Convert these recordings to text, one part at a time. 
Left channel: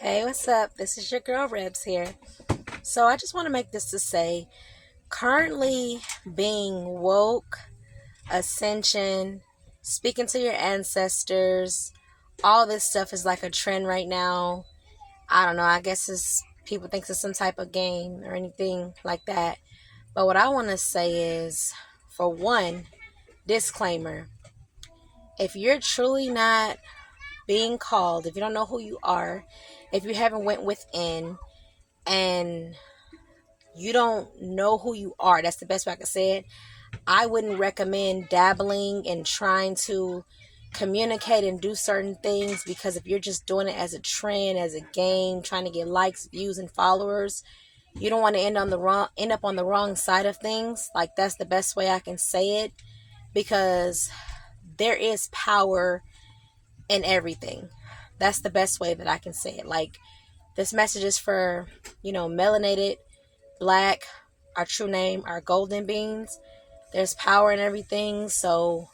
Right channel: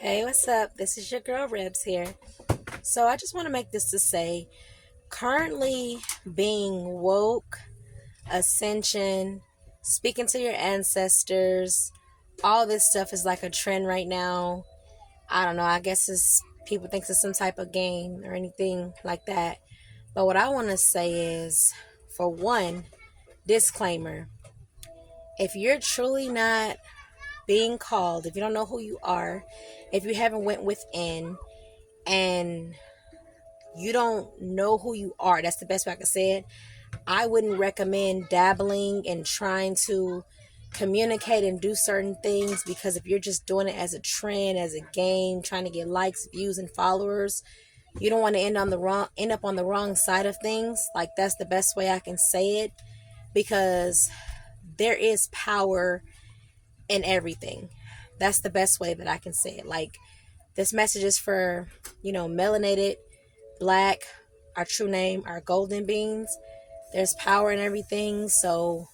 Hey, what's up? This is your girl Rebs here. So I just want to make this to say, currently being woke, ascension, speaking to your ancestors, all this stuff is like a trend right now. I don't know, I guess it's people think it's some type of game or anything like that. But what I want to say is, for one, disclaimer. If you're truly not being called, if you don't know who you are, if you haven't went within and you don't know who you are, that's the best way I can say it. I wouldn't recommend dabbling and trying to communicate and do certain things, because if you're just doing it as a trend, as a game, trying to get likes, views, and followers, you don't want to end up on the wrong side of things. Like, that's the best way I can say it, because there is power in everything. That's the best way that I can say it. Like, this message is for, melanated, black, our true name, our golden beings. There's power in everything. So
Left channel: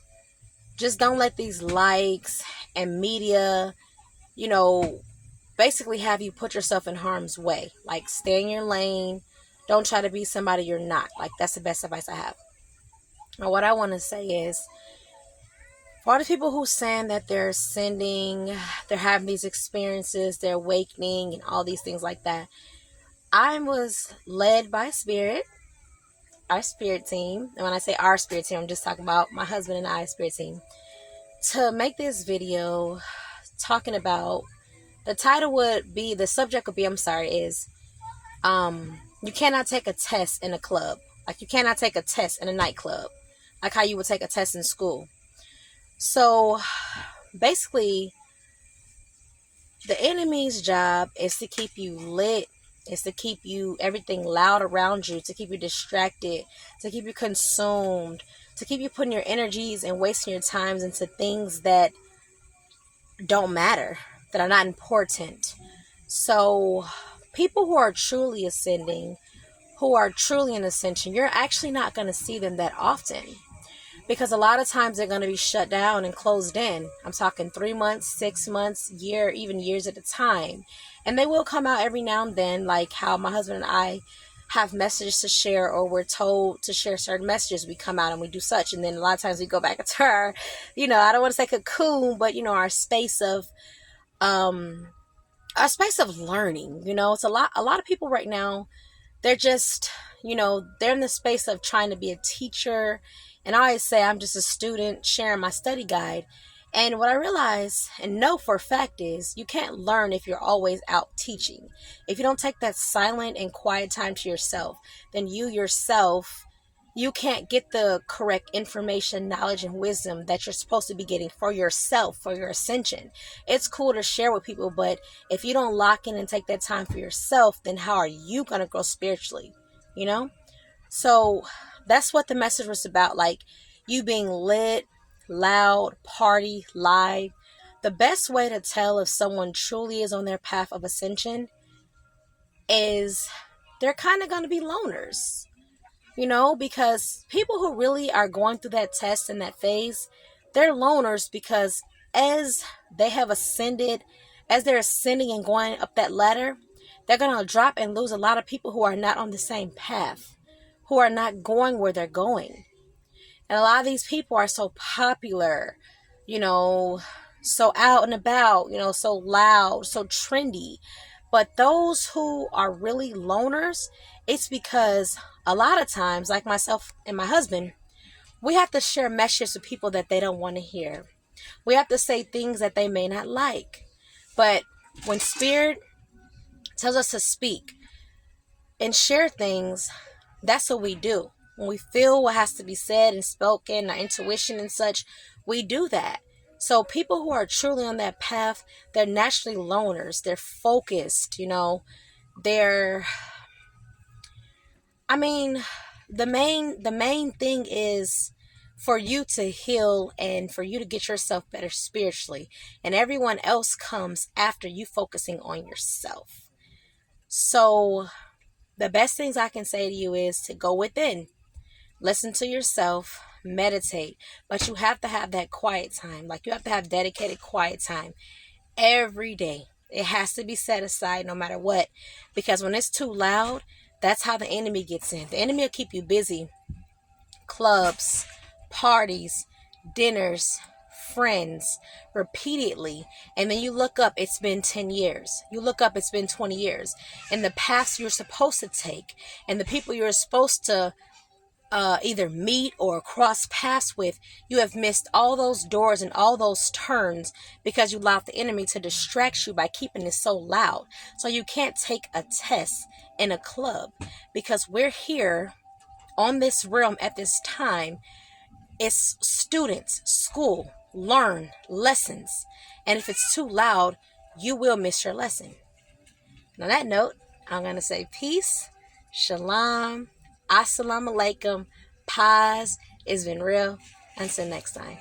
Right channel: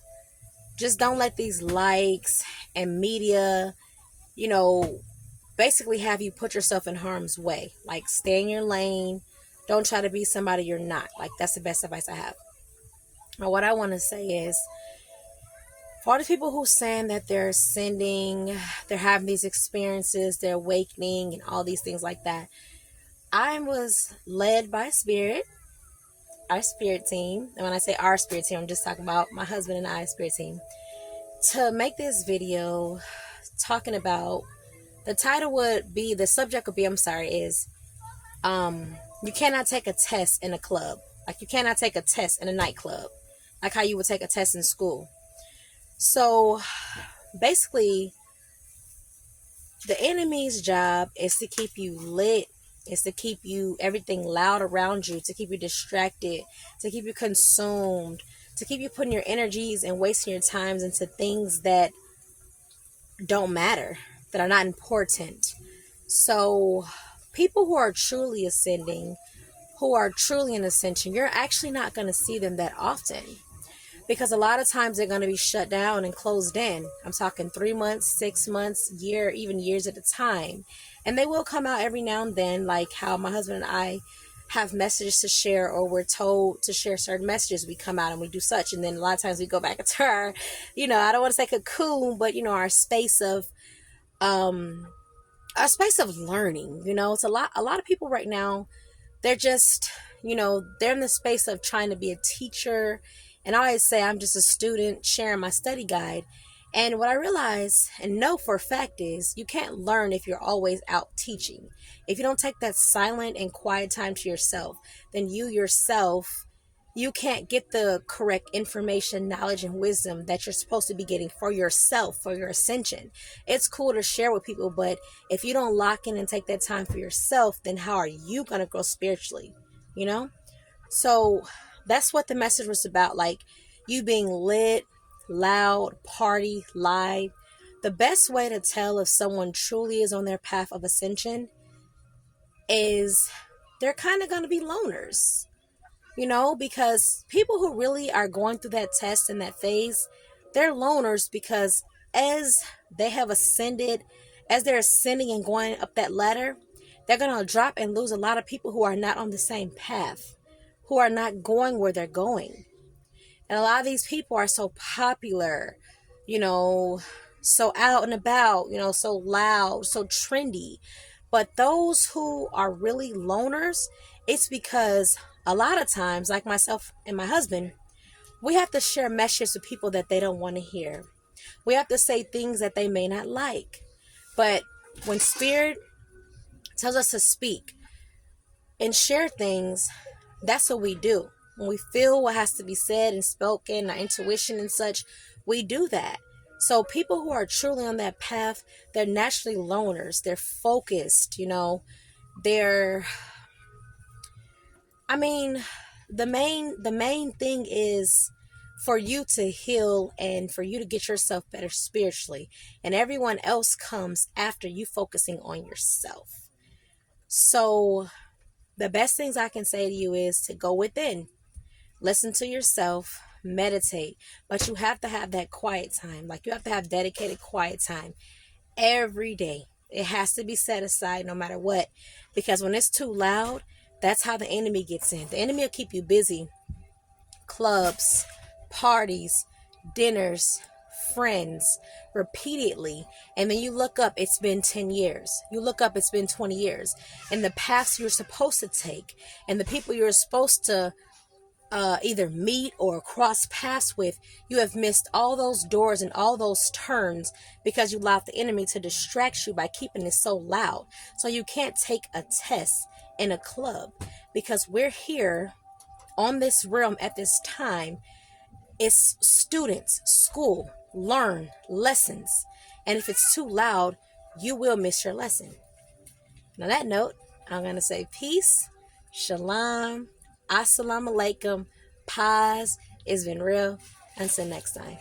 just don't let these likes and media, you know, basically have you put yourself in harm's way. Like, stay in your lane. Don't try to be somebody you're not. Like, that's the best advice I have. Now, what I want to say is, for all the people who saying that they're ascending, they're having these experiences, they're awakening, and all these things like that, I was led by spirit, our spirit team. And when I say our spirit team, I'm just talking about my husband and I's spirit team, to make this video talking about, the title would be, the subject would be, is you cannot take a test in a club. Like, you cannot take a test in a nightclub, like how you would take a test in school. So basically, the enemy's job is to keep you lit, is to keep you, everything loud around you, to keep you distracted, to keep you consumed, to keep you putting your energies and wasting your times into things that don't matter, that are not important. So people who are truly ascending, who are truly in ascension, you're actually not going to see them that often, because a lot of times they're going to be shut down and closed in. I'm talking 3 months, 6 months, year, even years at a time. And they will come out every now and then, like how my husband and I have messages to share, or we're told to share certain messages. We come out and we do such, and then a lot of times we go back into our, I don't want to say cocoon, but our space of learning. It's a lot of people right now, they're just, they're in the space of trying to be a teacher. And I always say I'm just a student sharing my study guide. And what I realize and know for a fact is, you can't learn if you're always out teaching. If you don't take that silent and quiet time to yourself, then you can't get the correct information, knowledge, and wisdom that you're supposed to be getting for yourself, for your ascension. It's cool to share with people, but if you don't lock in and take that time for yourself, then how are you going to grow spiritually? So that's what the message was about. Like, you being lit, loud, party, live. The best way to tell if someone truly is on their path of ascension is, they're kind of going to be loners. Because people who really are going through that test and that phase, they're loners, because as they have ascended, as they're ascending and going up that ladder, they're going to drop and lose a lot of people who are not on the same path, who are not going where they're going. And a lot of these people are so popular, so out and about, so loud, so trendy. But those who are really loners, it's because a lot of times, like myself and my husband, we have to share messages with people that they don't want to hear. We have to say things that they may not like. But when Spirit tells us to speak and share things, that's what we do. When we feel what has to be said and spoken, our intuition and such, we do that. So people who are truly on that path, they're naturally loners. They're focused, they're, the main thing is for you to heal and for you to get yourself better spiritually. And everyone else comes after you focusing on yourself. So the best things I can say to you is to go within, listen to yourself, meditate. But you have to have that quiet time. Like, you have to have dedicated quiet time every day. It has to be set aside no matter what. Because when it's too loud, that's how the enemy gets in. The enemy will keep you busy. Clubs, parties, dinners, friends, repeatedly. And then you look up, it's been 10 years. You look up, it's been 20 years. And the paths you're supposed to take and the people you're supposed to either meet or cross paths with, you have missed all those doors and all those turns because you allowed the enemy to distract you by keeping it so loud. So you can't take a test in a club, because we're here on this realm at this time. It's students, school, learn lessons. And if it's too loud, you will miss your lesson. And on that note, I'm going to say peace, shalom, assalamu alaikum, paz. It's been real. Until next time.